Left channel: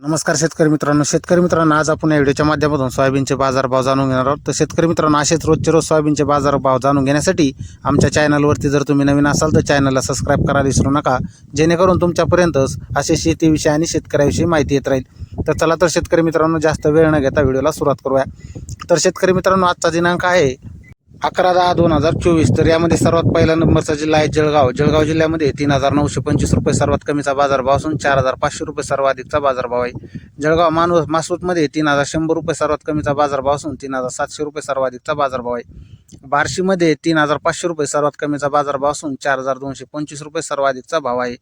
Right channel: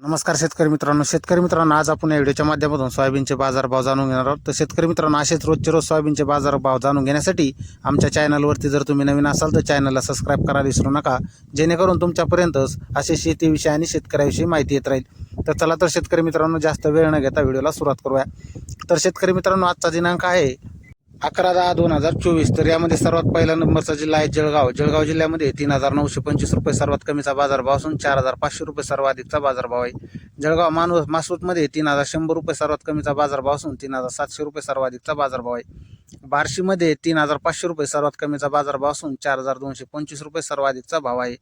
नमस्कार शेतकरी मित्रांनो आज आपण या व्हिडिओच्या माध्यमातून सोयाबीनचे बाजारभाव जाणून घेणार आहोत। तर शेतकरी मित्रांनो असेच रोजचे रोज सोयाबीनचे बाजारभाव जाणून घेण्यासाठी आमच्या चॅनलवरती जर तुम्ही नवीन असाल तर चॅनलला सबस्क्राईब करायला विसरू नका, जेणेकरून तुमच्यापर्यंत असे शेतीविषयी आणि शेतकऱ्याविषयी माहिती येत राहील। तर चला तर शेतकरी मित्रांनो जास्त वेळ न घेता व्हिडिओला सुरुवात करूया। तर शेतकरी मित्रांनो आजचा दिनांक आहे 11/10/2024। तर यामध्ये सर्वात पहिला नंबरचा जिल्हा आहे जळगाव। जळगाव जिल्ह्यामध्ये 3925 रुपये सर्वात कमीचा बाजारभाव असून 4500 रुपये सर्वाधिकचा बाजारभाव आहे। जळगाव मासूतमध्ये 3100 रुपये सर्वात कमीचा बाजारभाव असून 3700 रुपये सर्वाधिकचा बाजारभाव आहे। बार्शीमध्ये 3500 रुपये सर्वात कमीचा बाजारभाव असून 4225 रुपये सर्वाधिकचा भाव आहे।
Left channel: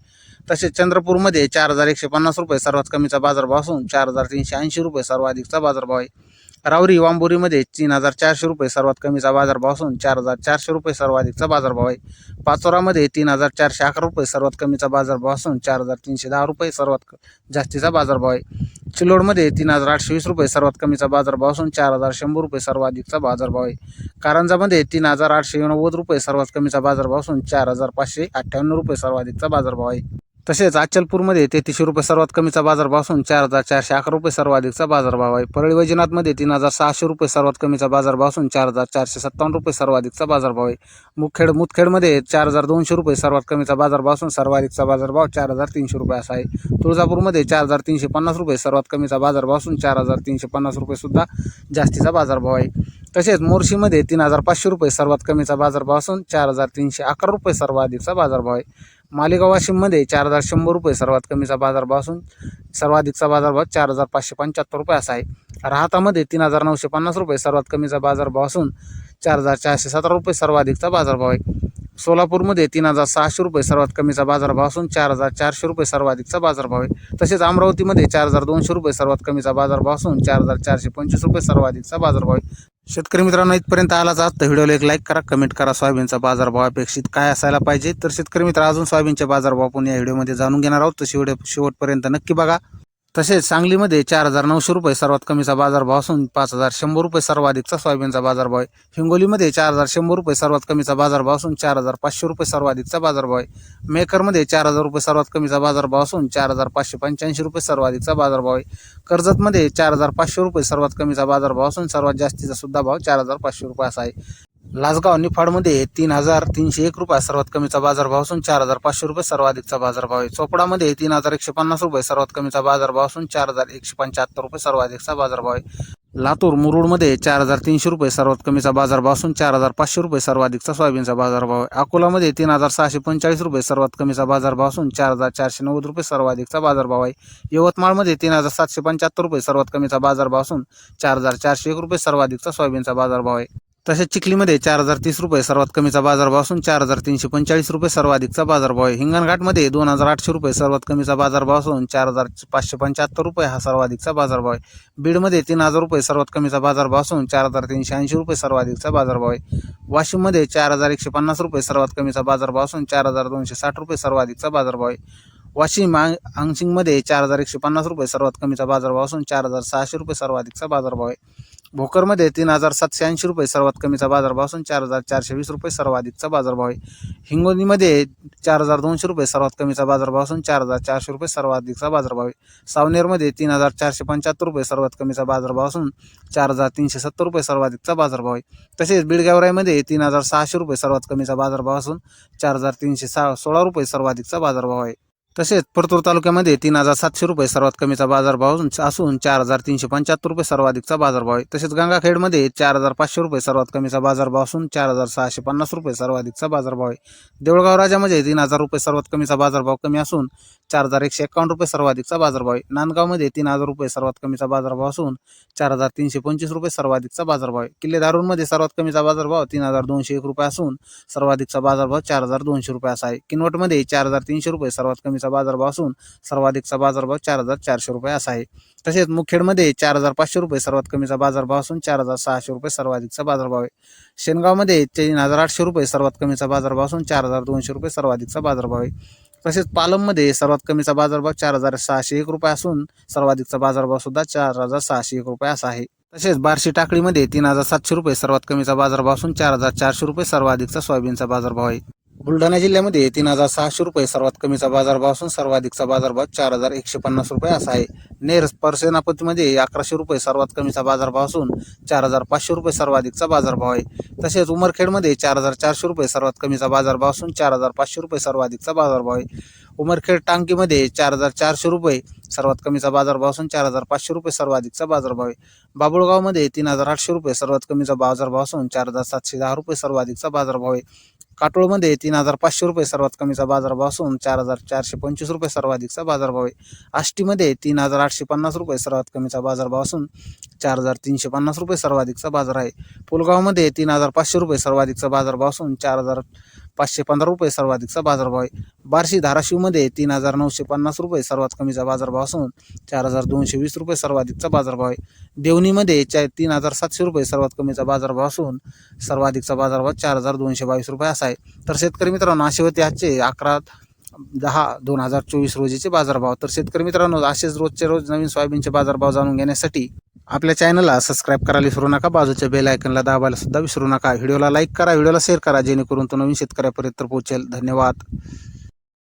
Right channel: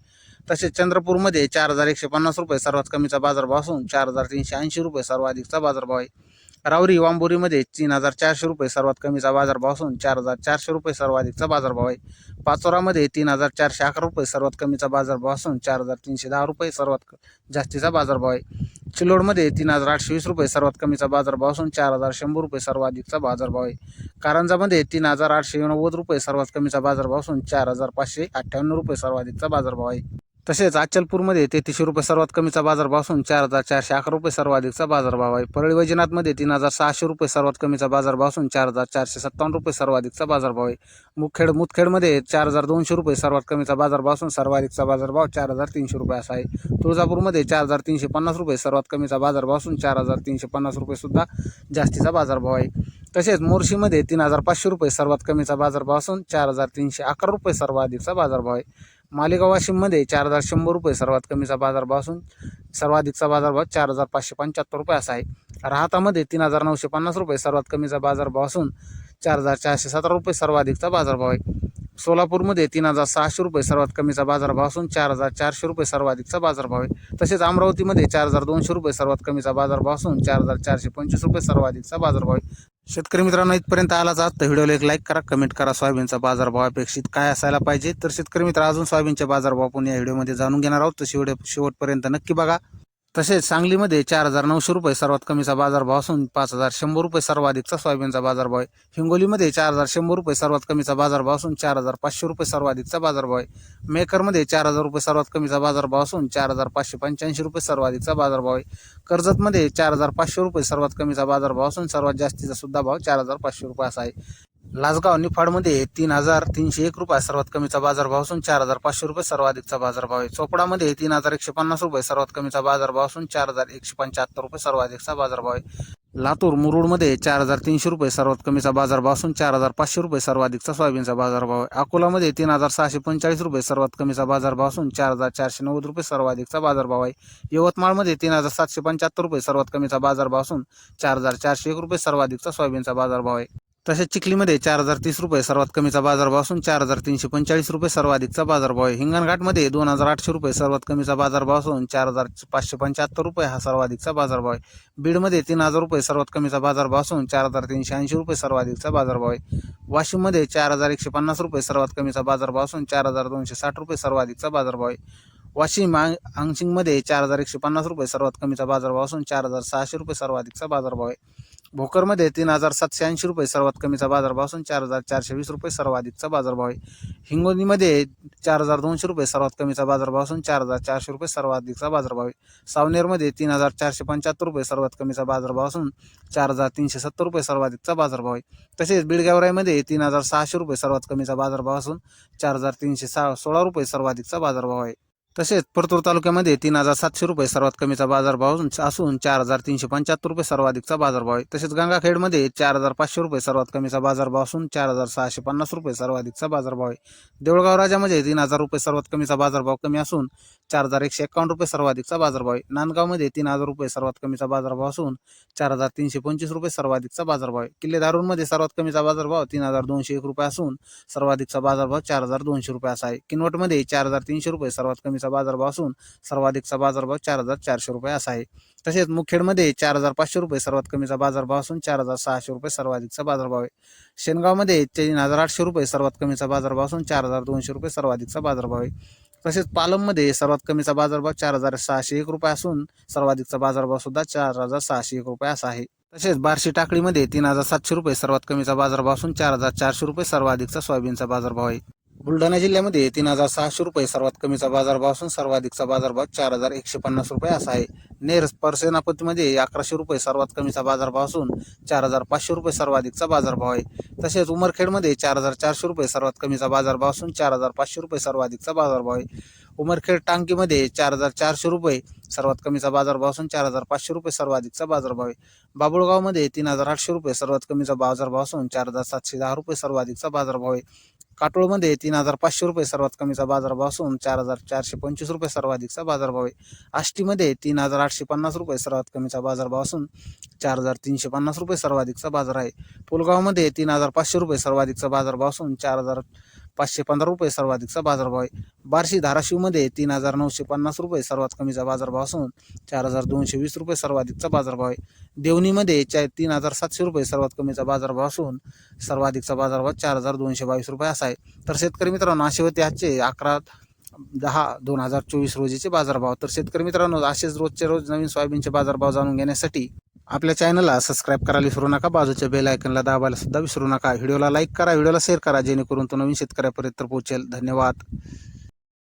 तसेच चंद्रपूरमध्ये 4150 रुपये सर्वात कमीचा बाजारभाव असून 4380 रुपये सर्वाधिकचा बाजारभाव आहे। रावरी वांबोरीमध्ये 3400 रुपये सर्वात कमीचा बाजारभाव असून 4400 रुपये सर्वाधिकचा बाजारभाव आहे। पाचोरामध्ये 3411 रुपये सर्वात कमीचा बाजारभाव असून 4310 रुपये सर्वात जास्तीचा बाजारभाव आहे। चिलोडमध्ये 3820 रुपये सर्वात कमीचा बाजारभाव असून 4100 रुपये सर्वाधिकचा बाजारभाव आहे। कारंजामध्ये 3890 रुपये सर्वात कमीचा बाजारभाव असून 4558 रुपये सर्वाधिकचा बाजारभाव आहे। तसेच अचलपूरमध्ये 3300 रुपये सर्वात कमीचा बाजारभाव असून 4411 रुपये सर्वाधिकचा बाजारभाव आहे। परळी वैजनाथमध्ये 3600 रुपये सर्वात कमीचा बाजारभाव असून 4457 रुपये सर्वाधिकचा बाजारभाव आहे। मुदखेडमध्ये 4200 रुपये सर्वात कमीचा बाजारभाव असून सर्वाधिकचा बाजारभाव 4300 रुपये असा आहे। तुळजापूरमध्ये 4350 रुपये सर्वात कमीचा बाजारभाव असून 4350 रुपये सुद्धा जास्तीचा बाजारभाव आहे। तसेच मोर्शीमध्ये 3500 रुपये सर्वात कमीचा बाजारभाव असून 4311 रुपये सर्वाधिकचा बाजारभाव आहे। मालेगाव वाशिममध्ये 4100 रुपये सर्वात कमीचा बाजारभाव असून सर्वाधिकचा बाजारभाव 4575 रुपये असा आहे। राहातामध्ये 3950 रुपये सर्वात कमीचा बाजारभाव असून 4417 रुपये सर्वाधिकचा बाजारभाव आहे। सोलापूरमध्ये 3600 रुपये सर्वात कमीचा बाजारभाव असून 4400 रुपये सर्वाधिकचा बाजारभाव आहे। तसेच अमरावतीमध्ये 4200 रुपये सर्वात कमीचा बाजारभाव असून 4425 रुपये सर्वाधिकचा बाजारभाव आहे। शेतकरी मित्रांनो इथपर्यंत आलाच आज तर व्हिडिओला एक लाईक करा, कमेंट करा सोयाबीनचा बाजारभाव अपेक्षित काय असायला पाहिजे। तर शेतकरी मित्र अजून सोयाबीनचे बाजारभाव आपण या व्हिडिओमध्ये जाणून घेणार आहोत, तर शेवटपर्यंत नक्की बघा। तसेच सांगलीमध्ये 4900 रुपये सर्वात कमीचा बाजारभाव असून 5100 रुपये सर्वाधिकचा सोयाबीनचा बाजारभाव आहे। हिंगोलीमध्ये 4100 रुपये सर्वात कमीचा बाजारभाव असून 4500 रुपये सर्वाधिकचा बाजारभाव आहे। मेकरमध्ये 4000 रुपये सर्वात कमीचा बाजारभाव असून 4585 रुपये सर्वाधिकचा बाजारभाव आहे। कर्जतमध्ये 4500 रुपये सर्वात कमीचा बाजारभाव असून सर्वात जास्तीचा सुद्धा भाव 4500 रुपये असा आहे। लासगाव निफाडमध्ये 3301 रुपये सर्वात कमीचा बाजारभाव असून 4500 रुपये सर्वाधिकचा बाजारभाव आहे। चोपडामध्ये 3150 रुपये सर्वात कमीचा बाजारभाव असून 4175 रुपये सर्वाधिकचा बाजारभाव आहे। लातूर मुरुडमध्ये 4300 रुपये सर्वात कमीचा बाजारभाव असून 4500 रुपये सर्वाधिकचा सोयाबीनचा बाजारभाव आहे। अकोलामध्ये 3645 रुपये सर्वात कमीचा बाजारभाव असून 4490 रुपये सर्वाधिकचा बाजारभाव आहे। यवतमाळमध्ये 3775 रुपये सर्वात कमीचा बाजारभाव असून 4401 रुपये सर्वाधिकचा सोयाबीनचा बाजारभाव आहे। तसेच चिखलीमध्ये 4030 रुपये सर्वात कमीचा बाजारभाव असून 4345 रुपये सर्वाधिकचा बाजारभाव आहे। हिंगणघाटमध्ये 2800 रुपये सर्वात कमीचा बाजारभाव असून 4575 रुपये हा सर्वाधिकचा बाजारभाव आहे। बीडमध्ये 3000 रुपये सर्वात कमीचा बाजारभाव असून 4380 रुपये सर्वाधिकचा बाजारभाव आहे। वाशिममध्ये 4150 रुपये सर्वात कमीचा बाजारभाव असून 4260 रुपये सर्वाधिकचा बाजारभाव आहे। वाशिम आंशिंगमध्ये 4150 रुपये सर्वात कमीचा बाजारभाव असून 4600 रुपये सर्वाधिकचा बाजारभाव आहे। भोकरमध्ये 3780 रुपये सर्वात कमीचा बाजारभाव असून 4420 रुपये सर्वाधिकचा बाजारभाव आहे। हिंगोलीमध्ये 4200 रुपये सर्वात कमीचा बाजारभाव असून 4400 रुपये सर्वाधिकचा बाजारभाव आहे। सावनेरमध्ये 3475 रुपये सर्वात कमीचा बाजारभाव असून 4370 रुपये सर्वाधिकचा बाजारभाव आहे। तसेच बीडगेवराईमध्ये 3600 रुपये सर्वात कमीचा बाजारभाव असून 4316 रुपये सर्वाधिकचा बाजारभाव आहे। तसेच परतूर तालुक्यामध्ये 3700 रुपये सर्वात कमीचा बाजारभाव असून 4375 रुपये सर्वाधिकचा बाजारभाव आहे। तसेच गंगाखेडमध्ये 4500 रुपये सर्वात कमीचा बाजारभाव असून 4650 रुपये सर्वाधिकचा बाजारभाव आहे। देऊळगाव राजामध्ये 3000 रुपये सर्वात कमीचा बाजारभाव कमी असून 4151 रुपये सर्वाधिकचा बाजारभाव आहे। नांदगावमध्ये 3000 रुपये सर्वात कमीचा बाजारभाव असून 4325 रुपये सर्वाधिकचा बाजारभाव आहे। किल्ले धारूरमध्ये सर्वात कमीचा बाजारभाव 3201 रुपये असून सर्वाधिकचा बाजारभाव 4200 रुपये असा आहे। किनवटमध्ये 4300 रुपये सर्वात कमीचा बाजारभाव असून सर्वाधिकचा बाजारभाव 4400 रुपये असा आहे। तसेच मुखेडमध्ये 4500 रुपये सर्वात कमीचा बाजारभाव असून 4600 रुपये सर्वाधिकचा बाजारभाव आहे। शेनगावमध्ये 3800 रुपये सर्वात कमीचा बाजारभाव असून 4200 रुपये सर्वाधिकचा बाजारभाव आहे। तसेच पालममध्ये सर्वात कमीचा बाजारभाव 4601 रुपये असून सर्वाधिकचा बाजारभाव सुद्धा 4601 रुपये असा आहे। तसेच बार्शी टाकळीमध्ये 3700 रुपये सर्वात कमीचा बाजारभाव असून 4400 रुपये सर्वाधिकचा सोयाबीनचा बाजारभाव आहे। बुलढाणा जिल्ह्यामध्ये 3,600 रुपये सर्वात कमीचा बाजारभाव असून सर्वाधिकचा बाजारभाव 4,150 रुपये असा आहे. नेर पर्सेनापतीमध्ये 1100 रुपये सर्वात कमीचा बाजारभाव असून 4,500 रुपये सर्वाधिकचा बाजारभाव आहे. तसेच उमरखेडमध्ये 4,400 रुपये सर्वात कमीचा बाजारभाव असून 4,500 रुपये सर्वाधिकचा बाजारभाव आहे. उमरखेड टांकीमध्ये 4,400 रुपये सर्वात कमीचा बाजारभाव असून 4,500 रुपये सर्वाधिकचा बाजारभाव आहे. बाबुळगावमध्ये 3,800 रुपये सर्वात कमीचा बाजारभाव असून 4,710 रुपये सर्वाधिकचा बाजारभाव आहे. काटोळमध्ये 3,500 रुपये सर्वात कमीचा बाजारभाव असून 4,425 रुपये सर्वाधिकचा बाजारभाव आहे. आष्टीमध्ये 3,850 रुपये सर्वात कमीचा बाजारभाव असून 4,350 रुपये सर्वाधिकचा बाजार आहे. पुलगावमध्ये 3,500 रुपये सर्वाधिकचा बाजारभाव असून 4,515 रुपये सर्वाधिकचा बाजारभाव आहे. बार्शी धाराशिवमध्ये 3,950 रुपये सर्वात कमीचा बाजारभाव असून 4,220 रुपये सर्वाधिकचा बाजारभाव आहे. देवणीमध्ये 3,700 रुपये सर्वात कमीचा बाजारभाव असून सर्वाधिकचा बाजारभाव 4,222 रुपये असा आहे. तर शेतकरी मित्रांनो, असे होते आजचे 11/10/2024 रोजीचे बाजारभाव. तर शेतकरी मित्रांनो, असेच रोजचे रोज नवीन सोयाबीनचे बाजारभाव जाणून घेण्यासाठी आपल्या चॅनलला सबस्क्राईब करायला विसरू नका. बाजूच्या बेल आयकनला दाबायला सुद्धा विसरू नका. व्हिडिओला लाईक करा, व्हिडिओला शेअर करा, जेणेकरून तो नवीन शेतकऱ्यापर्यंत पोहोचेल. धन्यवाद.